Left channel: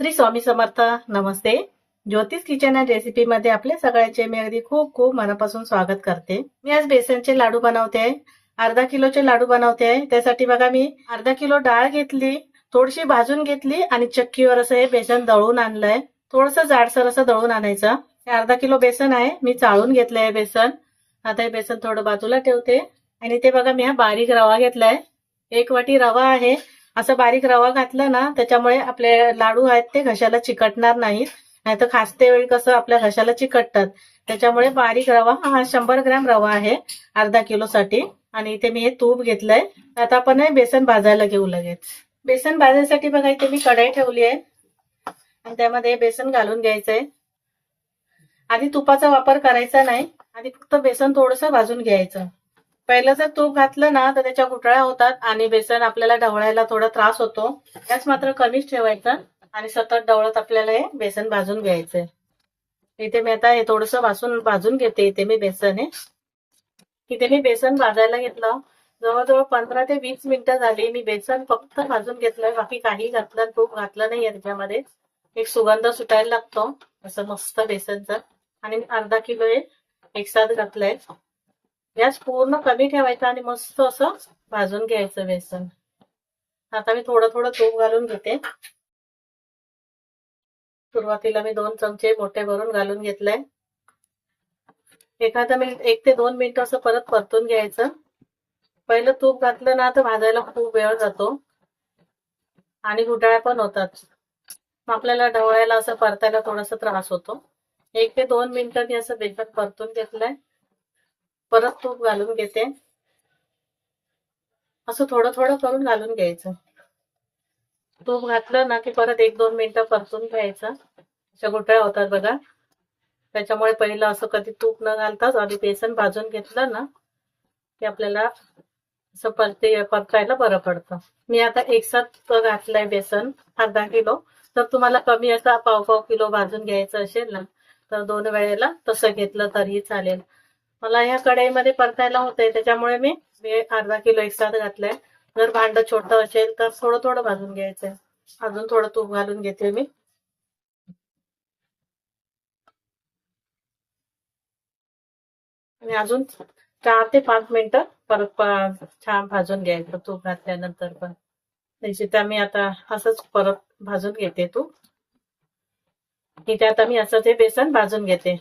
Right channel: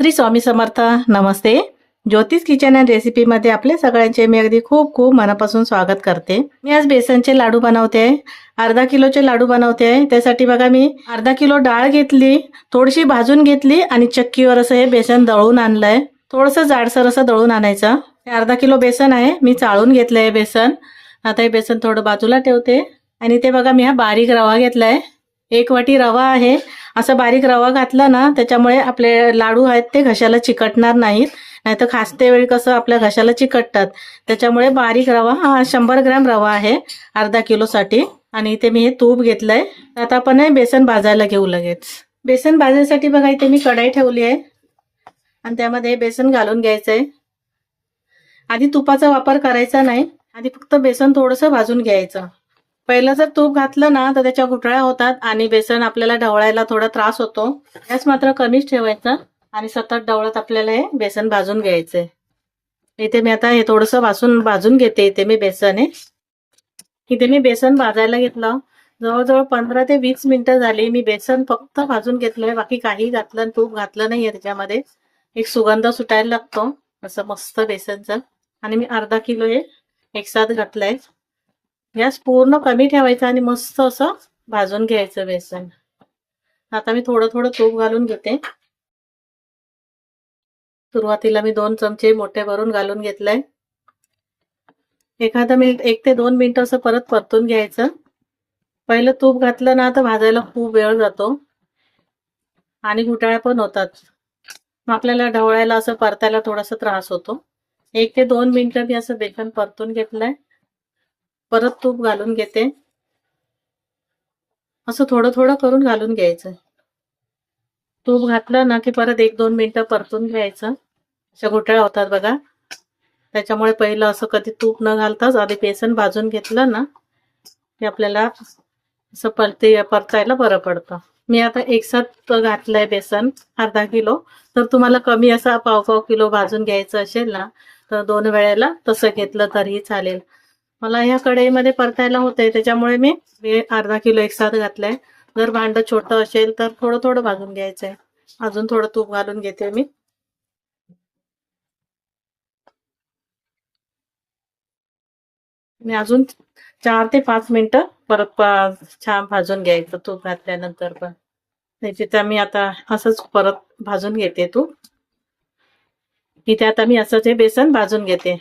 श्री स्वामी समर्थ नमस्ते. ज्योतिष kitchen and रेसिपीमध्ये आपल्या सगळ्यांचे मी अगदी खूप खूप मनापासून स्वागत करते. मी आज बेसनचे लाडू बनवते अर्धा किलोचे लाडू बनवते. आहे त्यासाठी बघा मी अर्धा किलो डाळ घेतली थोडीशी भाजून घेतली आणि चक्कीवर असं हे बेसन दळून आणलंय. थोडंसं जाडसर असं दळून आणायचं. हे अर्धा किलो बेसन आहे मी चाळून घेतलंय हे बेसन. आता हे बेसन थोडं बाजूला ठेवते. आणि ते बघा मी हा बारीक रवा घेतलाय. एक वाटी रवा आहे. असं बारीक रवा घातला ना त्याच्यामुळे आपले लाडू आहेत ते घशाला चिकटणार नाहीत. नाहीतर खासते वेळी कसं आपल्या घशाला चिकटतात. त्याच्यामुळे बारीक रवा हा शंभर ग्रॅम रवा आहे अर्धा किलोसाठी आणि इथे मी हे तूप घेतलंय. आता आपण हे बेसन भाजायला घेऊ लगेच. बेसन भाजण्यासाठी बघा इथे मी कढाई ठेवली आहे. आणि त्यामध्ये बेसन घालून घ्यायचंय. आधी तुपाचा वापर करायचा नाही. आधी फक्त बेसन थोडंसं भाजून घ्यायचं. पहिलं जर तूप घातलं ना तर त्याच्या गुठळ्या होतात आणि बेसन आपल्याला ढवळायला थोडा त्रास होतो. गॅस मात्र कमीच ठेवायचा आणि सतत ढवळत आपल्याला हे बेसन भाजून घ्यायचंय. इथे मी आता हे थोडंसं भाजून भाजून घेते इथे मी बेसन हे इथे मी बेसन भाजायला घेतलं. जवळजवळ पंधरा ते वीस मिनिटं झाली मी बेसन फक्त भाजून घेतलंय. बाकी काही घातलं आणि तूप घातलं नाहीये त्याच्यामध्ये. एक सुगंध सुटायला लागतो. असं मस्त बेसनचं. आणि मी अर्धा किलो हे एकसाथ घातलंय. गॅस पूर्ण कमी ठेवायचा आणि मस्त असं भाजून घ्यायचं बेसन. आता मी थोडं थोडं तूप घालून घेते. सुरुवातीला मी दोन चमचे मोठे भरून घालून घेतलंय. एखादं मिनिट एक ते दोन मिनिट असं परत परतून घ्यायचं. पहिलं तूप घातलं ना तर भाजायला खूप वेळ जातो. आणि घुटाळ्या पण होतात. मग आपल्याला ढवळायला असं परतायला थोडासा त्रास होतो. एक ते दोन मिनिटं मी असं बेसन परतून घेतलंय. परत तूप घालून घेते. असं थोडं थोडं करून घालून घ्यायचं. तूप घातलं ना की परत एक दोन मिनिटं परतून घ्यायचं. अशा घोटाळ्या होतात बघा. त्याच्यामुळे पहिलं असं कधी तूप न घालताच आधी बेसन भाजून घेतलं ना की आपल्याला असं परते परतायला बरं पडतं. मी आता एक साथ घातलंय बेसन अर्धा किलो. तर तुम्हाला कमी असा पाव पाव किलो भाजून घ्यायचं असेल ना तर दोन वेळेला तसं घेतलं तरीही चालेल. मला ह्या कढईमध्ये परतायला होते त्याच्यामुळे मी अर्धा किलो एक साथ घातलंय. जर भांड छोटं असेल तर थोडं थोडं भाजून घ्यायचंय. अजून थोडं तूप घालून घेते मी. आणि अजून चार ते पाच मिनिटं परत छान भाजून घ्यायचं तूप घातल्यानंतर पण. त्याची त्या मी आता असंच परत भाजून घेते तूप. इथे आता मी असंच हे बेसन भाजून घेते.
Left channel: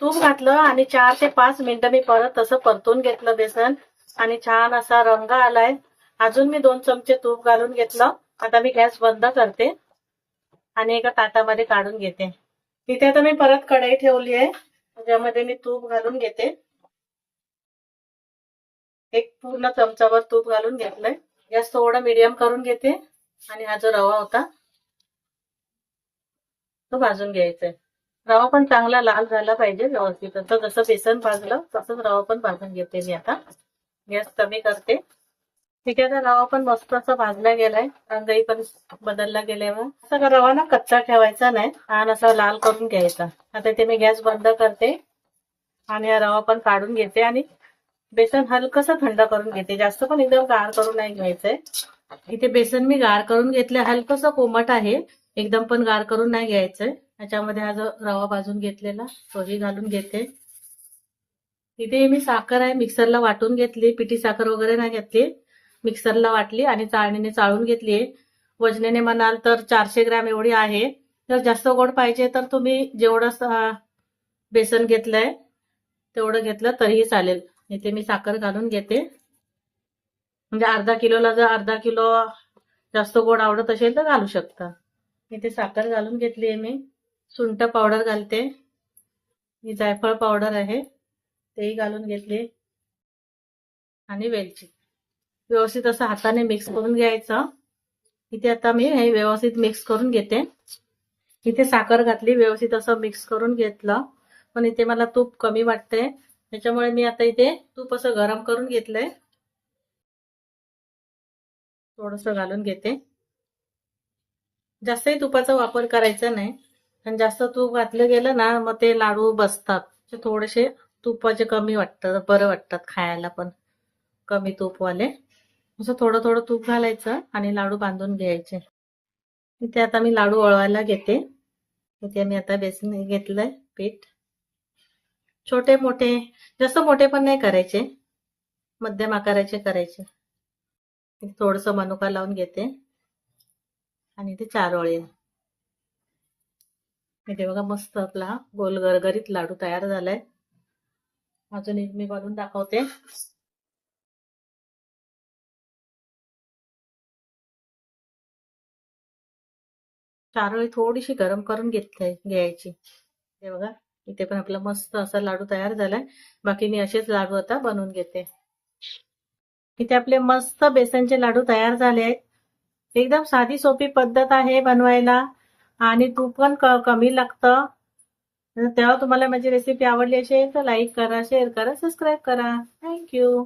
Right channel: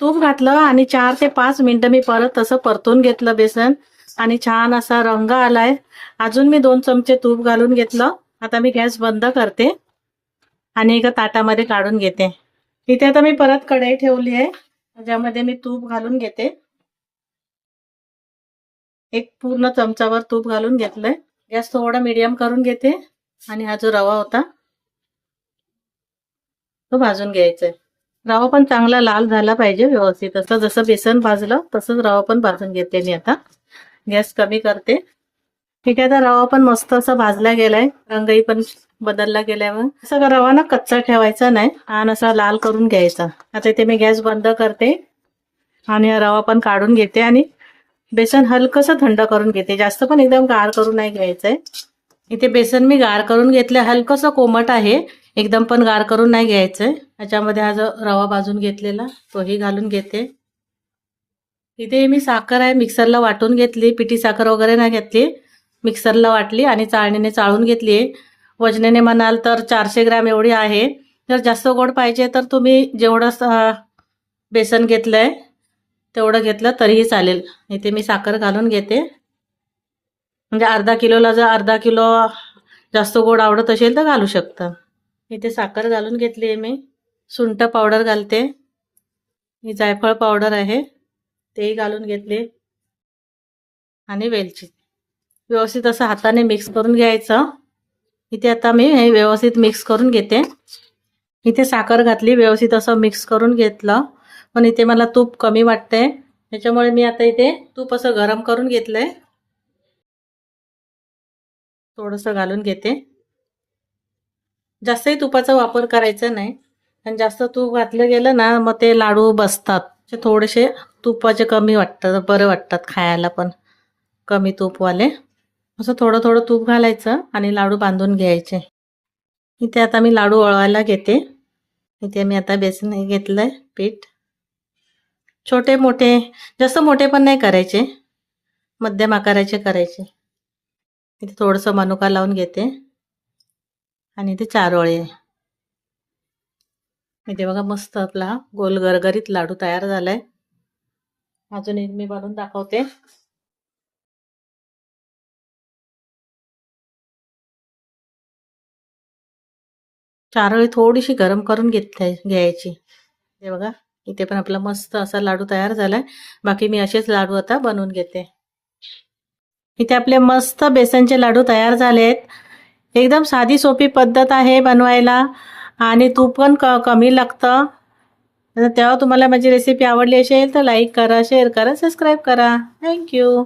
तूप घातलं आणि चार ते पाच मिनिटं मी परत तसं परतून घेतलं बेसन आणि छान असा रंग आलाय. अजून मी दोन चमचे तूप घालून घेतलं. आता मी गॅस बंद करते आणि एका ताटामध्ये काढून घेते. इथे आता मी परत कढई ठेवली आहे. ज्यामध्ये मी तूप घालून घेते. एक पूर्ण चमचावर तूप घालून घेतलंय. गॅस थोडा मीडियम करून घेते आणि हा जो रवा होता तो भाजून घ्यायचा आहे रवा पण चांगला लाल झाला पाहिजे व्यवस्थित. असं जसं बेसन भाजलं तसंच रवा पण भाजून घेते मी आता. गॅस कमी करते. ठीक आहे आता रवा पण मस्त असा भाजला गेलाय. रंगही पण बदलला गेलाय मग. असं रवा ना कच्चा ठेवायचा नाही. आणि असा लाल करून घ्यायचा. आता इथे मी गॅस बंद करते. आणि हा रवा पण काढून घेते आणि बेसन हलकंसं थंड करून घेते. जास्त पण एकदम गार करून नाही घ्यायचंय. इथे बेसन मी गार करून घेतलं. हलकसं कोमट आहे. एकदम पण गार करून नाही घ्यायचंय. त्याच्यामध्ये हा जो रवा भाजून घेतलेला तोही घालून घेते. इथे मी साखर आहे मिक्सरला वाटून घेतली पिठी साखर वगैरे नाही घेतली. मिक्सरला वाटली आणि चाळणीने चाळून घेतली वजनेने म्हणाल तर चारशे ग्रॅम एवढी आहे. जर जास्त गोड पाहिजे तर तुम्ही जेवढं स- बेसन घेतलंय तेवढं घेतलं तरीही चालेल. इथे मी साखर घालून घेते. म्हणजे अर्धा किलोला जर अर्धा किलो जास्त गोड आवडत असेल तर घालू शकता. इथे साखर घालून घेतली आहे मी. सुंठ पावडर घालते. ही जायफळ पावडर आहे. तेही घालून घेतले. आणि वेलची. व्यवस्थित असं हाताने मिक्स करून घ्यायचं. इथे आता मी हे व्यवस्थित मिक्स करून घेते. इथे साखर घातली व्यवस्थित असं मिक्स करून घेतलं. पण इथे मला तूप कमी वाटतंय. त्याच्यामुळे मी आता इथे तूप असं गरम करून घेतलंय. थोडंसं घालून घेते. जास्तही तुपाचा वापर करायचा नाही. आणि जास्त तूप घातलं गेलं ना मग ते लाडू बसतात. ते थोडेसे तुपाचे कमी वाटतात बरं वाटतात खायला पण. कमी तूपवाले. असं थोडं थोडं तूप घालायचं आणि लाडू बांधून घ्यायचे. इथे आता मी लाडू वळवायला घेते. इथे मी आता बेसन घेतलं घेतलंय पीठ. छोटे मोठे जास्त मोठे पण नाही करायचे. मध्यम आकाराचे करायचे. इथे थोडंसं मनुका लावून घेते. आणि ते चार वळे इथे बघा मस्त आपला गोल गरगरीत लाडू तयार झालाय. अजून एक मी बनवून दाखवते. चारोळी थोडीशी गरम करून घेतली घ्यायची. हे बघा इथे पण आपला मस्त असा लाडू तयार झालाय. बाकी मी असेच लाडू आता बनवून घेते. इथे आपले मस्त बेसनचे लाडू तयार झाले आहेत. एकदम साधी सोपी पद्धत आहे बनवायला. आणि तूप पण क कमी लागतं. तेव्हा तुम्हाला माझी रेसिपी आवडली असेल तर लाईक करा शेअर करा सबस्क्राईब करा. थँक्यू